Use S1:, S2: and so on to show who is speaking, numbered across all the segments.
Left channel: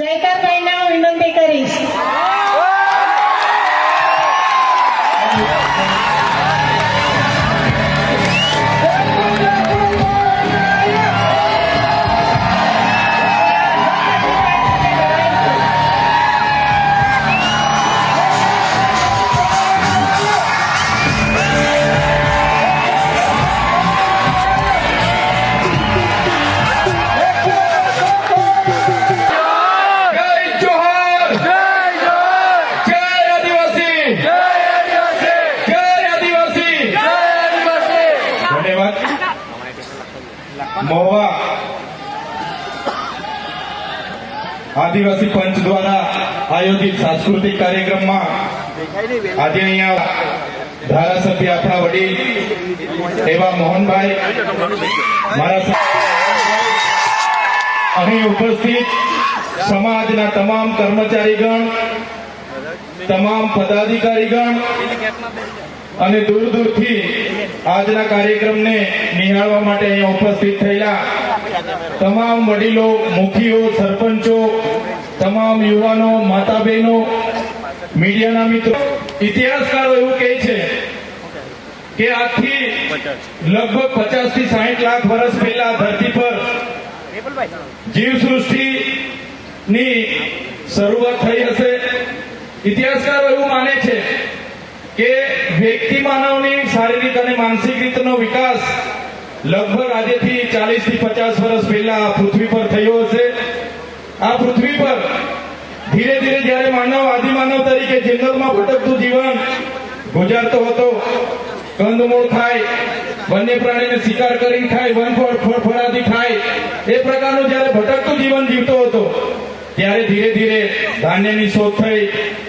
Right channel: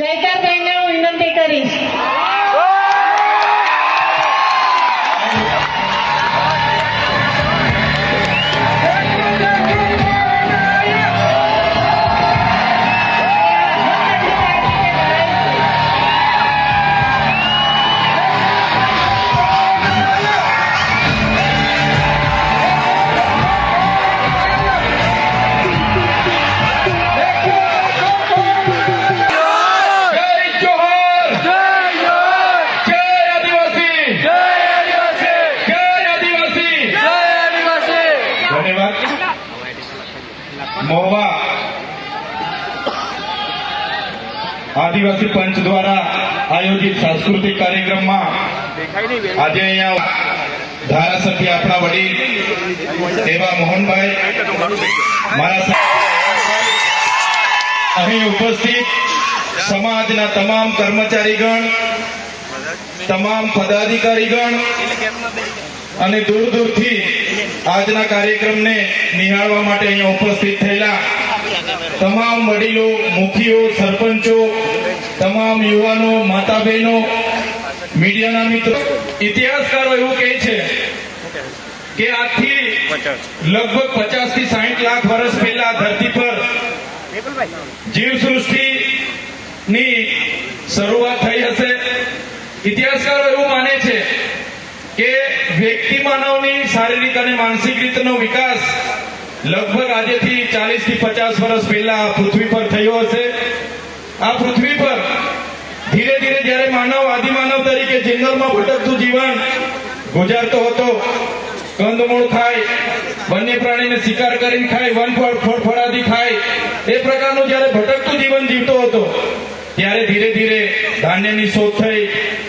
S1: જયકારબેનને હું વિનંતી કરીશ
S2: જય સાંસ્કૃતિક કાર્યક્રમમાં આજે અહીંયા ધારાસભ્ય આપણા વડીલ એવા મોહનભાઈ, મારા અહીં ઉપસ્થિત સમાજના તમામ કર્મચારીગણ, તમામ પદાધિકારીગણ અને દૂર દૂરથી આજના કાર્યક્રમને નિહાળવા માટે અહીંયા ઉપસ્થિત થયેલા તમામ વડીલો, મુખીઓ, સરપંચો તમામ યુવાનો માતા બહેનો મીડિયાના મિત્રો, ઇતિહાસકારો એવું કહે છે કે આજથી લગભગ પચાસથી સાહીઠ લાખ વર્ષ પહેલા ધરતી પર જીવસૃષ્ટિની શરૂઆત થઈ હશે. ઇતિહાસકારો એવું માને છે કે વ્યક્તિ માનવની શારીરિક અને માનસિક રીતનો વિકાસ લગભગ આજેથી ચાલીસથી પચાસ વર્ષ પહેલા પૃથ્વી પર થયો હશે. આ પૃથ્વી પર ધીરે ધીરે જ્યારે માનવ આદિમાનવ તરીકે જંગલમાં ભટકતું જીવન ગુજારતો હતો, કંદમૂળ થાય, વન્ય પ્રાણીને શિકાર કરીને ખાય વનફળ, ફળફળાદી ખાય એ પ્રકારનું જ્યારે ભટકતું જીવન જીવતો હતો, ત્યારે ધીરે ધીરે ધાન્યની શોધ થઈ,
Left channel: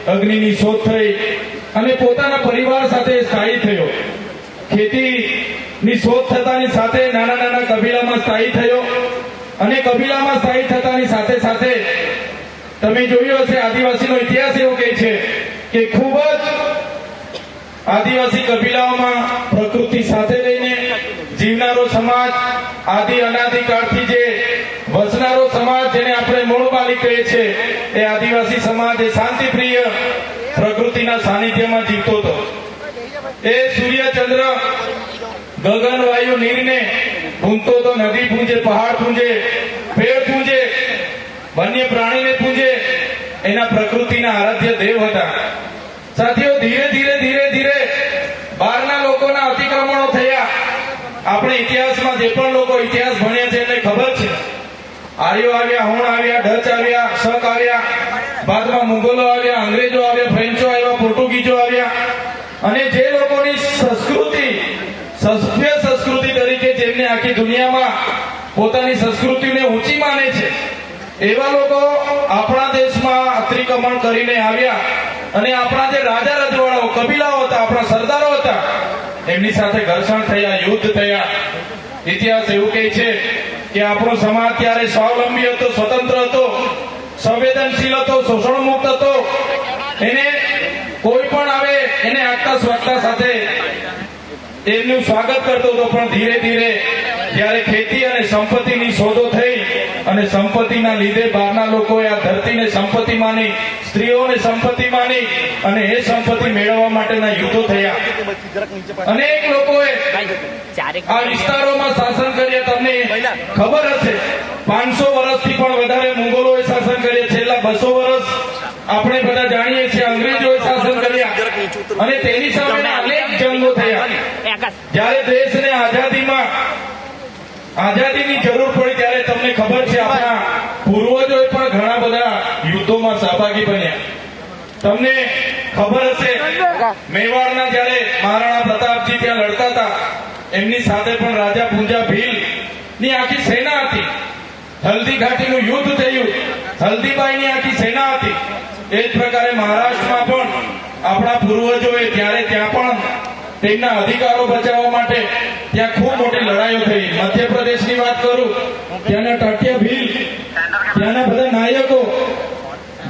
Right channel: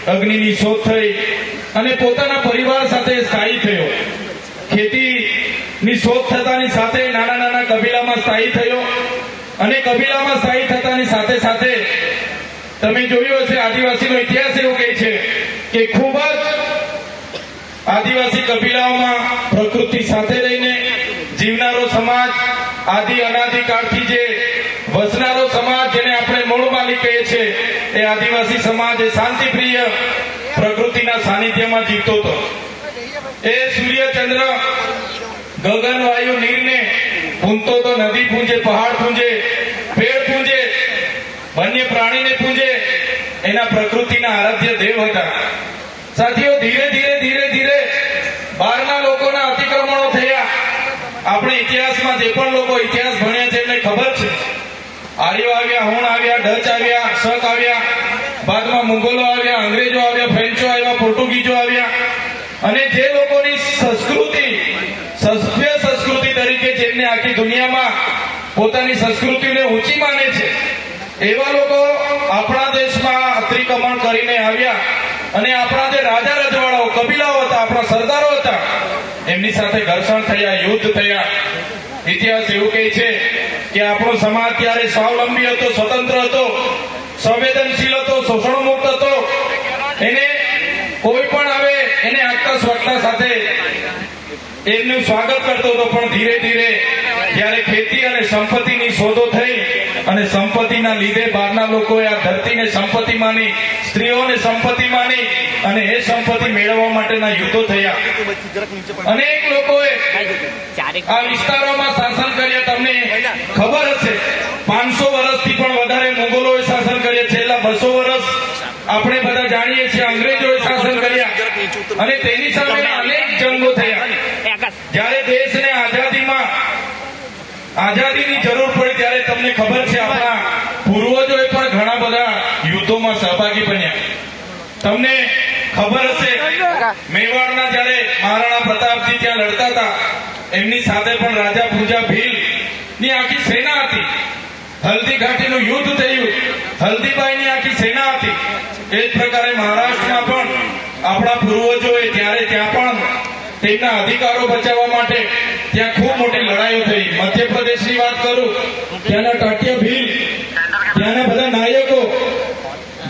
S2: અગ્નિની શોધ થઈ, અને પોતાના પરિવાર સાથે સ્થાયી થયો. ખેતીની શોધ થતાની સાથે નાના નાના કબીલામાં સ્થાયી થયો. અને કબીલામાં સ્થાયી થતાની સાથે સાથે તમે જોયું હશે, આદિવાસીનો ઇતિહાસ એવો કહે છે કે ખૂબ જ આદિવાસી કબીલાઓમાં પ્રકૃતિ સાથે રહીને જીવનારો સમાજ આદિ અનાદિકાળથી જે વસનારો સમાજ જેને આપણે મૂળ માલિક કહીએ છીએ, એ આદિવાસી સમાજ એ શાંતિપ્રિય પ્રકૃતિના સાનિધ્યમાં જીવતો હતો. એ સૂર્ય ચંદ્ર ગગન વાયુ નીરને પૂંજતો તો નદી પૂંજે, પહાડ પૂંજે પેડ પૂંજે, વન્ય પ્રાણીને પૂંજે, એના પ્રકૃતિના આરાધ્ય દેવ હતા. સાથીઓ, ધીરે ધીરે ધીરે ધીરે બહારના લોકોના અતિક્રમણો થયા. આપણે ઇતિહાસમાં જે પણ લોકો ઇતિહાસ ભણ્યા છે એમને ખબર છે. આર્યો આવ્યા, હોણ આવ્યા, ડચ આવ્યા, શક આવ્યા, બાદમાં મુગલો આવ્યા, અંગ્રેજો આવ્યા, ફ્રેન્ચો આવ્યા પોર્ટુગીઝો આવ્યા અને જે લોકોની સંસ્કૃતિ સભ્ય સંસ્કૃતિ તરીકે આખી દુનિયામાં પોતાની સંસ્કૃતિને ઊંચી માને છે. એવા લોકો આપણા દેશમાં અતિક્રમણ કરીને આવ્યા અને આપણા જે રાજા રજવાડાઓ, કબીલાઓ હતા, આપણા સરદારો હતા, એમની સાથે ઘર્ષણ થયા, યુદ્ધ થયા. ઇતિહાસ એવું કહે છે કે આપણો સમાજ ત્યારે સ્વાવલંબી હતો, સ્વતંત્ર હતો, સંવેદનશીલ હતો શોષણ મુક્ત હતો. એને કોઈ પણ આવે, એને આગતા સ્વચ્છતા સાથે એમનું સ્વાગત કરતો હતો, પણ ધીરે ધીરે જ્યારે ખેતી અને સંપત્તિની શોધો થઈ અને સંપત્તિના લીધે બહારના લોકોએ આ ધરતીને સંપત્તિ માની, સ્ત્રીઓને સંપત્તિ માની અને એ સંપત્તિ મેળવવા માટેના યુદ્ધો થયા. અનેક લોકોએ આ વિસ્તારોમાં શાસન કર્યા. તમને ખબર હશે, પાંચસો વર્ષથી પણ વધારે મુગલોએ શાસન કર્યા. છેલ્લા બસો વર્ષ આપણે બધા જાણીએ છીએ અંગ્રેજોએ શાસન કર્યા અને તેની સામે અનેક જંગો થયા. જ્યારે દેશને આઝાદીમાં આઝાદીની જરૂર પડી ત્યારે તમને ખબર છે આપણા પૂર્વજોએ પણ ઘણા બધા યુદ્ધોમાં સહભાગી બન્યા. તમને ખબર હશે મેવાડના જ્યારે મહારાણા પ્રતાપજી ત્યાં લડતા હતા એમની સાથે પણ રાજા પૂંજા ભીલની આખી સેના હતી. હલ્દી ઘાટીનું યુદ્ધ થયું. હલ્દીબાઈની આખી સેના હતી. એ જ પ્રકારે મહારાષ્ટ્રમાં પણ આપણા પૂર્વજોએ જ્યારે ત્યાં પણ તેમના અધિકારો બચાવવા માટે ત્યાં ખૂબ મોટી લડાઈઓ થઈ. મધ્યપ્રદેશની વાત કરું ત્યાંના ટાટ્ય ભીલ ત્યાંના બધા નાયકો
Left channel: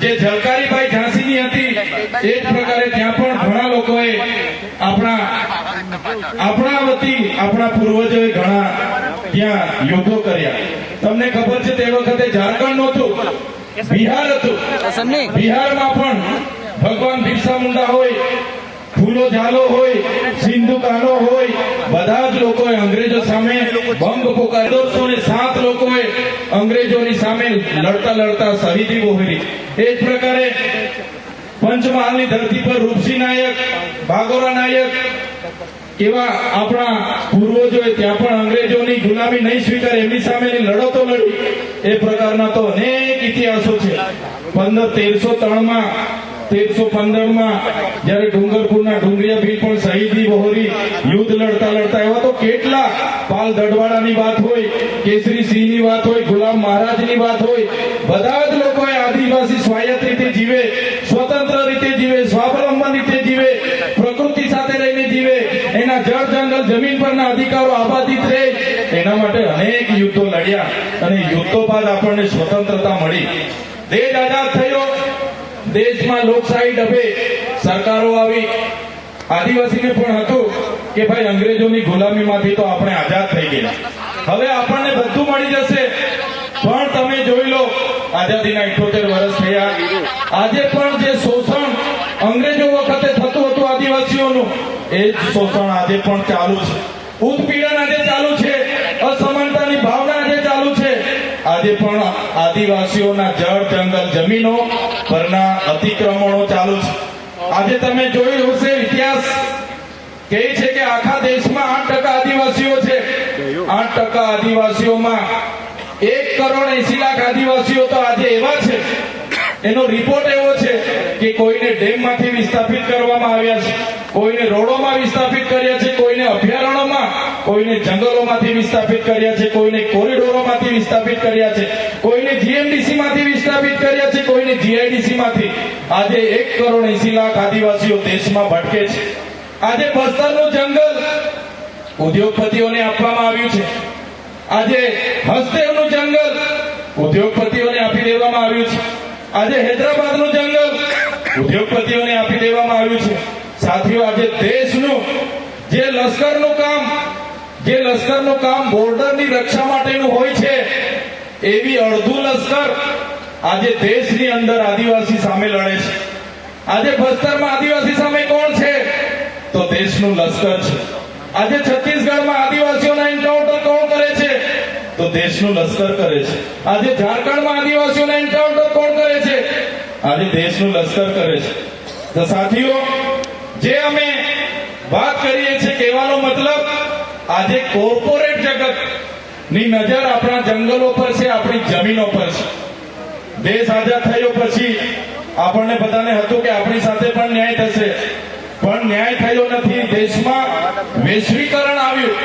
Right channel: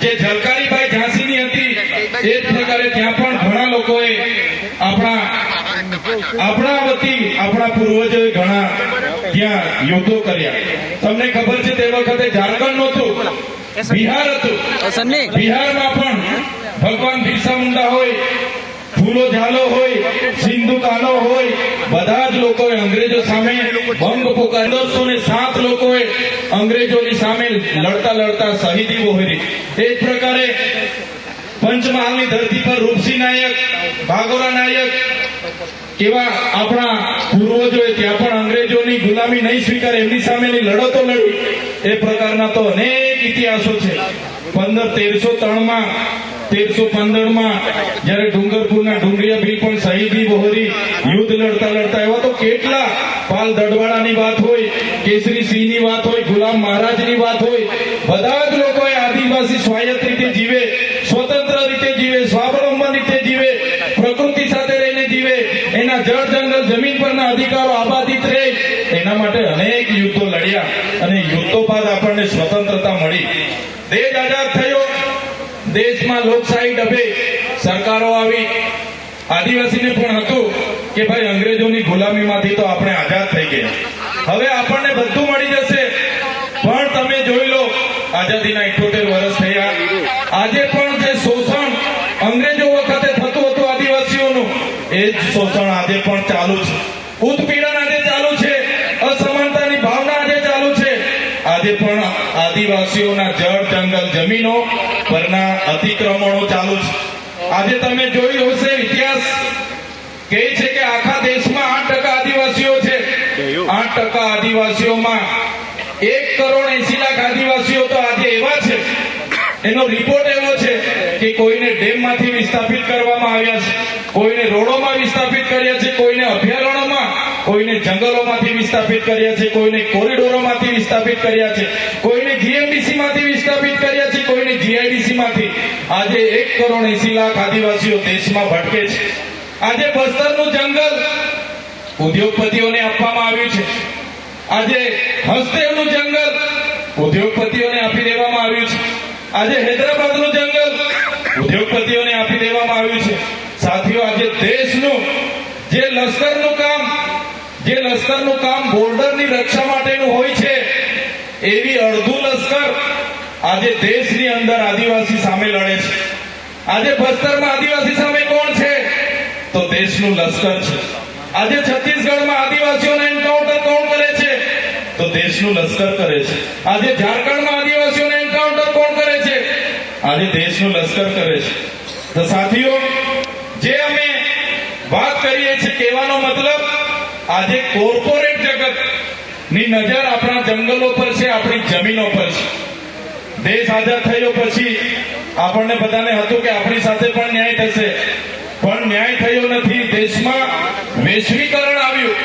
S2: જે ઝલકારીબાઈ ઝાંસીની હતી એ જ પ્રકારે ત્યાં પણ ઘણા લોકોએ આપણા આપણા વતી આપણા પૂર્વજોએ ઘણા ત્યાં યુદ્ધો કર્યા. તમને ખબર છે તે વખતે ઝારખંડ નહોતું બિહાર હતું. બિહારમાં પણ ભગવાન બિરસા મુંડા હોય, ફૂલો ઝાલો હોય, સિંધુ કાનો હોય, બધા જ લોકોએ અંગ્રેજો સામે ભંગ પોકાર દોઢસો ને સાત લોકોએ અંગ્રેજોની સામે લડતા લડતા શહીદી વહોરી એ જ પ્રકારે પંચમહાલની ધરતી પર રૂપસિંહ નાયક, ભાગોરા નાયક એવા આપણા પૂર્વજોએ ત્યાં પણ અંગ્રેજોની ગુલામી નહીં સ્વીકારે, એમની સામેની લડતો લડી. એ પ્રકારના તો અનેક ઇતિહાસો છે. પંદર તેરસો ત્રણમાં તેરસો પંદરમાં જ્યારે ડુંગરપુરના ડુંગરિયા ભી પણ શહીદી બહોરી યુદ્ધ લડતા લડતા એવા તો કેટલા પાલ દડવાડાની વાત હોય, કેસરી સિંહની વાત હોય, ગુલામ મહારાજની વાત હોય, બધા જ લોકોએ આદિવાસી સ્વાયત્ત રીતે જીવે, સ્વતંત્ર રીતે જીવે, સ્વાવલંબન રીતે જીવે, પ્રકૃતિ સાથે રહીને જીવે, એના જળ જંગલ જમીન પરના અધિકારો આબાદિત રહે, એના માટે અનેક યુદ્ધો લડ્યા અને યુદ્ધો બાદ આપણને સ્વતંત્રતા મળી દેશ આઝાદ થયો દેશમાં લોકશાહી ડબે સરકારો આવી આદિવાસીને પણ હતું કે ભાઈ અંગ્રેજોની ગુલામીમાંથી તો આપણે આઝાદ થઈ ગયા. હવે આપણને બધું મળી જશે. પણ તમે જોઈ લો, આઝાદીના ઇઠોતેર વર્ષ થયા. આજે પણ જે શોષણ અંગ્રેજો વખતે થતું હતું આદિવાસીઓનું, એ જ શોષણ આજે પણ ચાલુ છે. ઉત્પીડન આજે ચાલુ છે. અસમાનતાની ભાવના આજે ચાલુ છે. આજે પણ આદિવાસીઓના જળ, જંગલ, જમીનો પરના અતિક્રમણો ચાલુ છે. આજે તમે જોયું હશે ઇતિહાસ કહે છે કે આખા દેશમાં આઠ ટકા આદિવાસીઓ છે. આઠ ટકા આદિવાસીઓમાં એક કરોડ એસી લાખ આદિવાસીઓ તો આજે એવા છે. એનો રિપોર્ટ એવો છે કે કોઈને ડેમમાંથી વિસ્થાપિત કરવામાં આવ્યા છે. કોઈને રોડોમાં વિસ્થાપિત કર્યા છે કોઈને અભયારણ્યોમાં કોઈને જંગલોમાંથી વિસ્થાપિત કર્યા છે, કોઈને કોરિડોરોમાંથી વિસ્થાપિત કર્યા છે, કોઈને જીએમડીસી માંથી વિસ્થાપિત કર્યા છે, કોઈને જીઆઈડીસી માંથી આજે એક કરોડ એસી લાખ આદિવાસીઓ દેશમાં ભટકે છે. આજે બસ્તરનું જંગલ ઉદ્યોગપતિઓને આપવામાં આવ્યું છે. આજે હસ્તેવનું જંગલ ઉદ્યોગપતિઓને આપી દેવામાં આવ્યું છે. આજે હૈદરાબાદનું જંગલ ઉદ્યોગપતિઓને આપી દેવામાં આવ્યું છે. સાથીઓ, આજે દેશનું જે લશ્કરનું કામ જે લશ્કરનું કામ બોર્ડરની રક્ષા માટેનું હોય છે, એવી અડધું લશ્કર આજે દેશની અંદર આદિવાસી સામે લડે છે. આજે બસ્તરમાં આદિવાસી સામે કોણ છે? તો દેશનું લશ્કર છે. આજે છત્તીસગઢમાં આદિવાસીઓના એન્કાઉન્ટર કોણ કરે છે? તો દેશનું લશ્કર કરે છે. આજે ઝારખંડમાં આદિવાસીઓના એન્કાઉન્ટર કોણ કરે છે? આજે દેશનું લશ્કર કરે છે. તો સાથીઓ, જે અમે વાત કરીએ છીએ કહેવાનો મતલબ આજે કોર્પોરેટ જગતની નજર આપણા જંગલો પર છે, આપણી જમીનો પર છે. દેશ આઝાદ થયો પછી આપણને બધાને હતું કે આપણી સાથે પણ ન્યાય થશે. પણ ન્યાય થયો નથી. દેશમાં વૈશ્વિકરણ આવ્યું,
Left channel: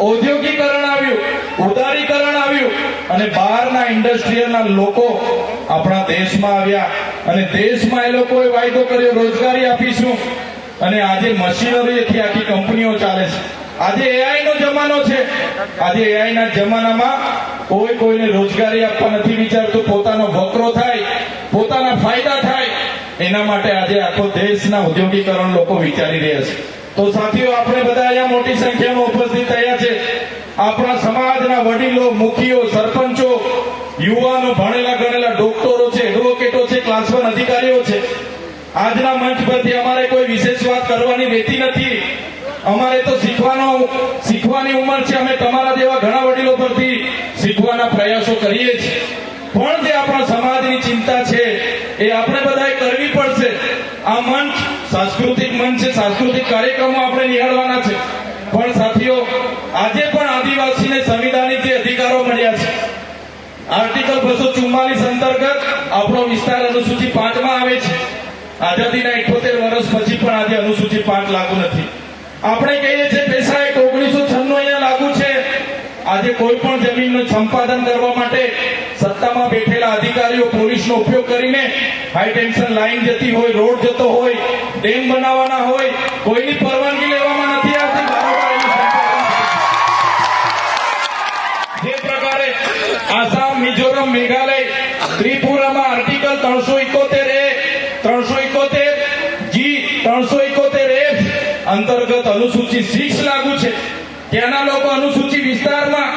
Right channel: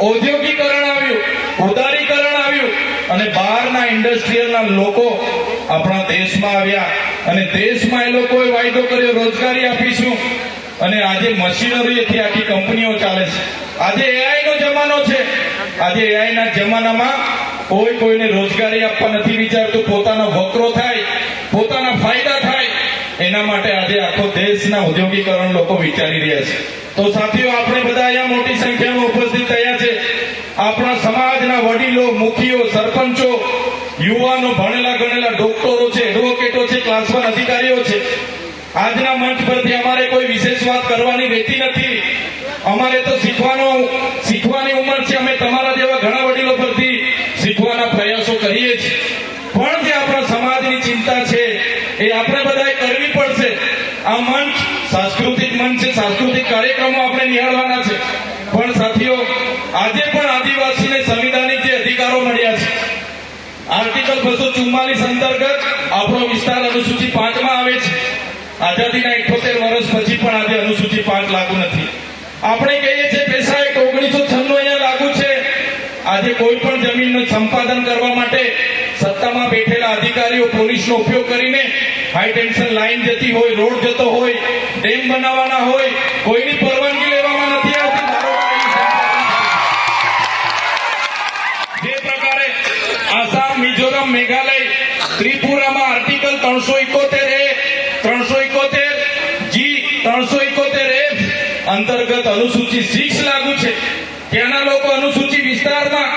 S2: ઔદ્યોગિકરણ આવ્યું, ઉદારીકરણ આવ્યું અને બહારના ઇન્ડસ્ટ્રીયલના લોકો આપણા દેશમાં આવ્યા. અને દેશમાં એ લોકોએ વાયદો કર્યો, રોજગારી આપીશું. અને આજે મશીનરીથી આખી કંપનીઓ ચાલે છે. આજે એઆઈ નો જમાનો છે. આજે એઆઈ ના જમાનામાં કોઈ કોઈને રોજગારી આપવા નથી વિચારતું. પોતાનો વકરો થાય, પોતાના ફાયદા થાય, એના માટે આજે આખો દેશના ઉદ્યોગીકરણ લોકો વિચારી રહ્યા છે. તો સાથીઓ, આપણે બધા અહીંયા મોટી સંખ્યામાં ઉપસ્થિત થયા છે. આપણા સમાજના વડીલો, મુખીઓ, સરપંચો, યુવાનો, ભણેલા ગણેલા ડોક્ટરો છે, એડવોકેટો છે વન અધિકારીઓ છે. આજના મંચ પરથી અમારે કોઈ વિશેષ વાત કરવાની રહેતી નથી. અમારે તો શીખવાનો શીખવાની ઉંમર છે અમે તમારા જેવા ઘણા વડીલો પરથી શીખવાના પ્રયાસો કરીએ છીએ પણ જે આપણા સમાજની ચિંતા છે, એ આપણે બધાએ કરવી પડશે. આ મંચ સાંસ્કૃતિક મંચ છે, સાંસ્કૃતિક કાર્યક્રમો આપણે નિહાળવાના છે. પણ સાથીઓ, આજે પણ આદિવાસીને સંવિધાનિક જે અધિકારો મળ્યા છે. આર્ટિકલ બસો ચુમ્માલીસ અંતર્ગત આપણો વિસ્તાર અનુસૂચિ પાંચમાં આવે છે. આઝાદીના ઇઠોતેર વર્ષ પછી પણ આજે અનુસૂચિ પાંચ લાગુ નથી. આપણે કહીએ છીએ પૈસા એક ઓગણીસો છન્નું અહીંયા લાગુ છે. આજે કોઈ પણ જમીનનું સંપાદન કરવા માટે સત્તામાં બેઠેલા અધિકારીઓ પોલીસનો ઉપયોગ કરીને હાઈ ટેન્શન લાઈન જતી હોય, રોડ જતો હોય, ડેમ બનાવવાના હોય, કોઈની પરવાનગી લેવામાં નથી આવતી. જે પ્રકારે આસામ, મિઝોરમ, મેઘાલય, ત્રિપુરામાં આર્ટિકલ ત્રણસો ઇકોતેર એ, ત્રણસો ઇકોતેર જી, ત્રણસો ઇકોતેર એ અંતર્ગત અનુસૂચિ સિક્સ લાગુ છે ત્યાંના લોકો અનુસૂચિ વિસ્તારમાં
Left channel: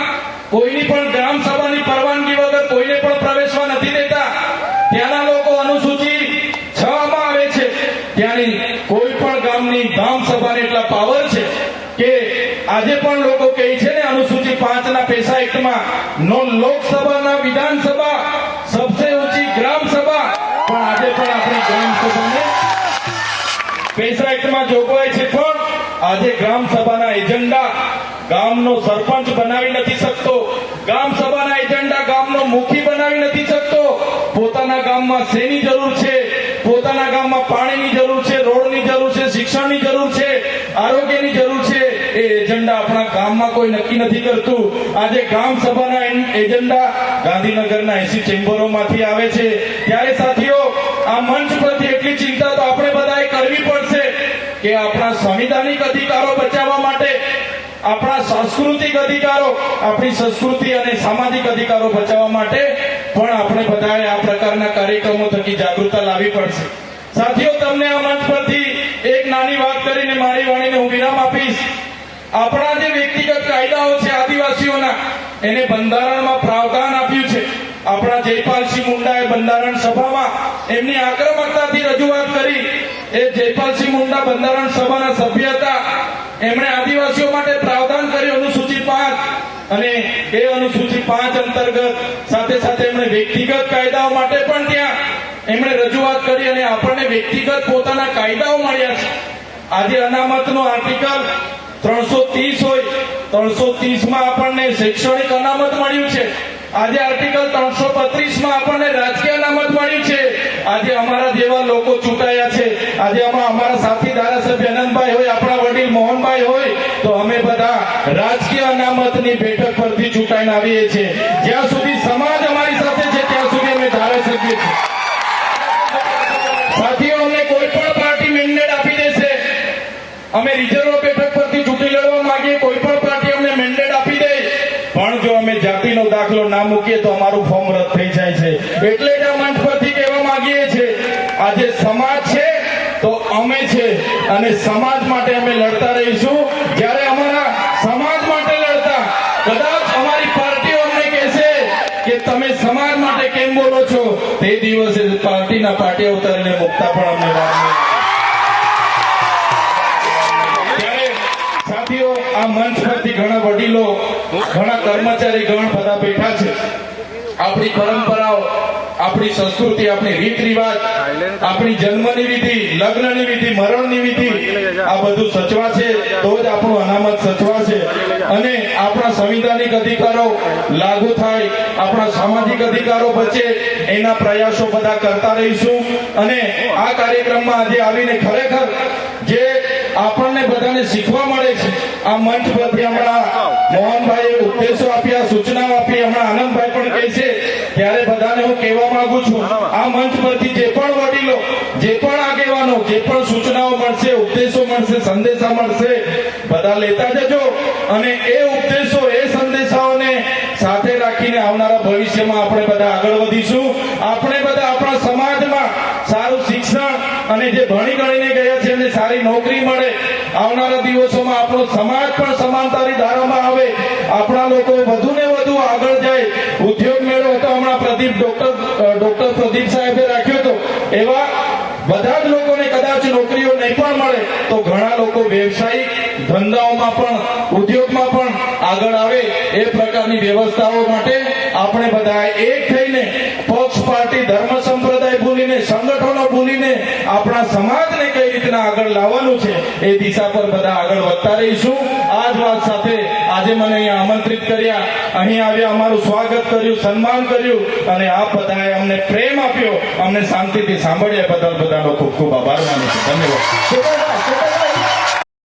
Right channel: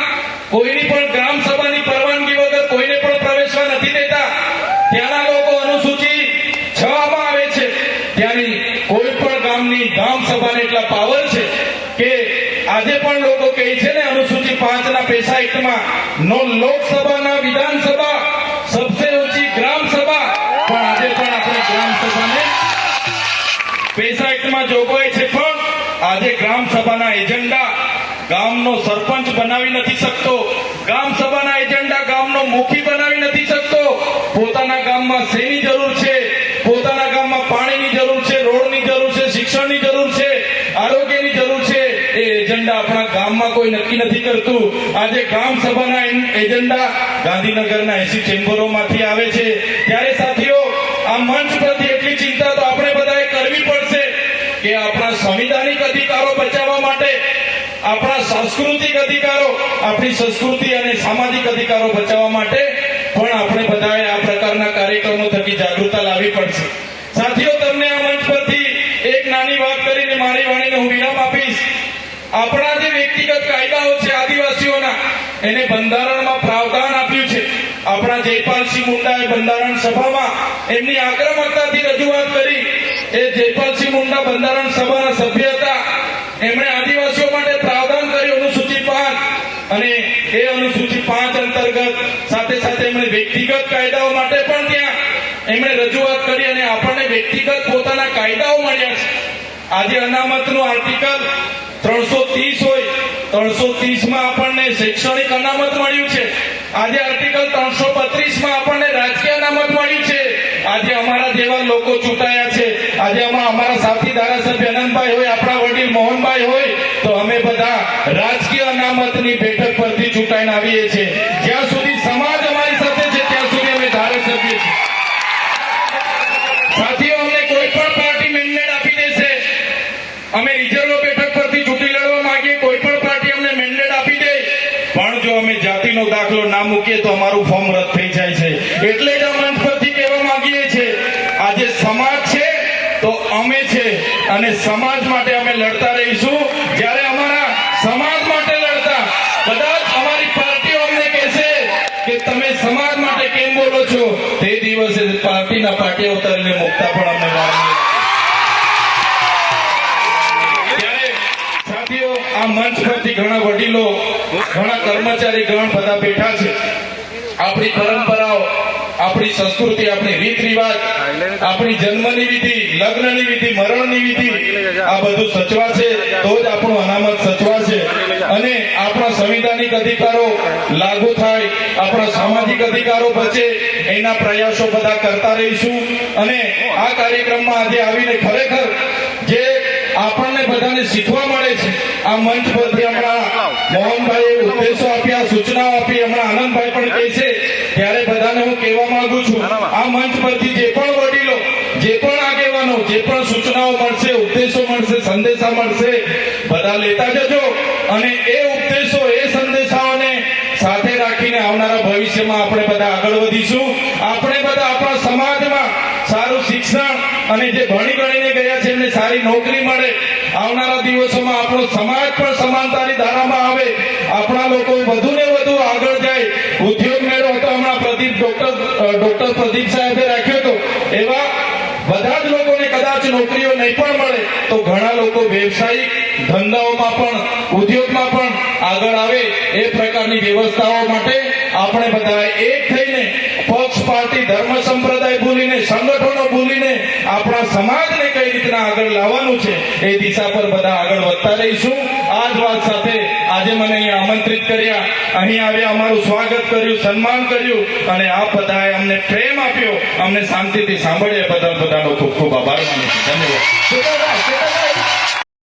S2: કોઈની પણ ગ્રામ સભાની પરવાનગી વગર કોઈને પણ પ્રવેશવા નથી દેતા. ત્યાંના લોકો અનુસૂચિ છ માં આવે છે. ત્યાંની કોઈ પણ ગામની ગ્રામ સભાને એટલા પાવર છે કે આજે પણ લોકો કહે છે ને અનુસૂચિ પાંચ ના પૈસા એક્ટમાં નો લોકસભા ના વિધાનસભા સબસે ઊંચી ગ્રામ સભા. પણ આજે પણ આપણી ગ્રામ સભાને પૈસા એક્ટમાં જોગવાઈ છે. પણ આજે ગ્રામ સભાના એજન્ડા ગામનો સરપંચ બનાવી નથી શકતો, ગામ સભાના એજન્ડા ગામનો મુખી બનાવી નથી શકતો. પોતાના ગામમાં શેની જરૂર છે? પોતાના ગામમાં પાણીની જરૂર છે, રોડની જરૂર છે, શિક્ષણની જરૂર છે, આરોગ્યની જરૂર છે? એ એજન્ડા આપણા ગામમાં કોઈ નક્કી નથી કરતું. આજે ગામ સભાના એજન્ડા ગાંધીનગરના એસી ચેમ્બરોમાંથી આવે છે. ત્યારે સાથીઓ, આ મંચ પરથી એટલી ચિંતા તો આપણે બધાએ કરવી પડશે કે આપણા સંવિધાનિક અધિકારો બચાવવા માટે આપણા સાંસ્કૃતિક અધિકારો, આપણી સંસ્કૃતિ અને સામાજિક અધિકારો બચાવવા માટે પણ આપણે બધાએ આ પ્રકારના કાર્યક્રમો થકી જાગૃતતા લાવવી પડશે. સાથીઓ, તમને આ મંચ પરથી એક નાની વાત કરીને મારી વાણીને હું વિરામ આપીશ. આપણા જે વ્યક્તિગત કાયદાઓ છે આદિવાસીઓના, એને બંધારણમાં પ્રાવધાન આપ્યું છે. આપણા જયપાલસિંહ મુંડાએ બંધારણ સભામાં એમની આક્રમકતાથી રજૂઆત કરી. એ જયપાલસિંહ મુંડા બંધારણ સભાના સભ્ય હતા. એમણે આદિવાસીઓ માટે પ્રાવધાન કર્યું અનુસૂચિ પાંચ અને એ અનુસૂચિ પાંચ અંતર્ગત સાથે સાથે એમણે વ્યક્તિગત કાયદાઓ માટે પણ ત્યાં એમણે રજૂઆત કરી અને આપણને વ્યક્તિગત પોતાના કાયદાઓ મળ્યા છે. આજે અનામતનું આર્ટિકલ ત્રણસો ત્રીસ હોય, ત્રણસો ત્રીસમાં આપણને શૈક્ષણિક અનામત મળ્યું છે. આજે આર્ટિકલ ત્રણસો બત્રીસમાં આપણને રાજકીય અનામત મળ્યું છે. આજે અમારા જેવા લોકો ચૂંટાયા છે આજે હમણાં અમારા સાથી ધારાસભ્ય અનંતભાઈ હોય આપણા વડીલ મોહનભાઈ હોય તો અમે બધા રાજકીય અનામતની બેઠક પરથી ચૂંટાઈને છીએ. જ્યાં સુધી સમાજ અમારી સાથે છે, ત્યાં સુધી અમે ધારાસભ્ય છીએ. સાથીઓ અમને કોઈ પણ પાર્ટી મેન્ડેટ આપી દેશે, અમે રિઝર્વ બેઠક પરથી ચૂંટણી લડવા માંગીએ, કોઈ પણ પાર્ટીના પાટે ઉતારીને મુકતા પણ અમને સાથીઓ, આ મંચ પરથી ઘણા વડીલો, ઘણા કર્મચારી ગણ બધા બેઠા છે. આપણી પરંપરાઓ આપણી સંસ્કૃતિ, આપણી રીત રિવાજ આપણી જન્મની વિધિ, લગ્નની વિધિ, મરણની વિધિ, આ બધું સચવાશે તો જ આપણું અનામત સચવાશે અને આપણા સંવિધાનિક અધિકારો લાગુ થાય, આપણા સામાજિક અધિકારો બચે, એના પ્રયાસો બધા કરતા રહીશું. અને આ કાર્યક્રમમાં આજે આવીને ખરેખર જે આપણને બધાને શીખવા મળે છે, આ મંચ પરથી હમણાં મોહનભાઈએ ઉપદેશો આપ્યા, સૂચનાઓ આપી, હમણાં આનંદભાઈ પણ કહે છે, ત્યારે બધાને હું કહેવા માંગુ છું આ મંચ પરથી જે પણ વડીલો જે પણ આગેવાનો જે પણ સૂચનાઓ મળશે ઉપદેશો મળશે સંદેશા મળશે બધા લેતા જજો. અને એ ઉપદેશો એ સંદેશાઓને સાથે રાખીને આવનારા ભવિષ્યમાં આપણે બધા આગળ વધીશું. આપણે બધા આપણા સમાજમાં સારું શિક્ષણ અને જે ભણી ગણીને ગયા છે એમને સારી નોકરી મળે. આવનારા દિવસોમાં આપણો સમાજ પણ સમાનતાની ધારામાં આવે. આપણા લોકો વધુ ને વધુ આગળ જાય. ઉદ્યોગ મેળો હતો હમણાં ડોક્ટર પ્રદીપ સાહેબે રાખ્યો હતો. એવા બધા જ લોકોને કદાચ નોકરીઓ નહીં પણ મળે, તો ઘણા લોકો વ્યવસાયિક ધંધાઓમાં પણ, ઉદ્યોગમાં પણ આગળ આવે એ પ્રકારની વ્યવસ્થાઓ માટે આપણે બધા એક થઈને પક્ષ, પાર્ટી, ધર્મ, સંપ્રદાય ભૂલીને, સંગઠનો ભૂલીને આપણા સમાજને કઈ રીતના આગળ લાવવાનું છે એ દિશા પર બધા આગળ વધતા રહીશું. આ જ વાત સાથે આજે મને અહીંયા આમંત્રિત કર્યા. અહીં આવ્યા, અમારું સ્વાગત કર્યું, સન્માન કર્યું અને આપ બધાએ અમને પ્રેમ આપ્યો. અમને શાંતિથી સાંભળ્યા બદલ બધાનો ખૂબ ખૂબ આભાર માનું છું. ધન્યવાદ.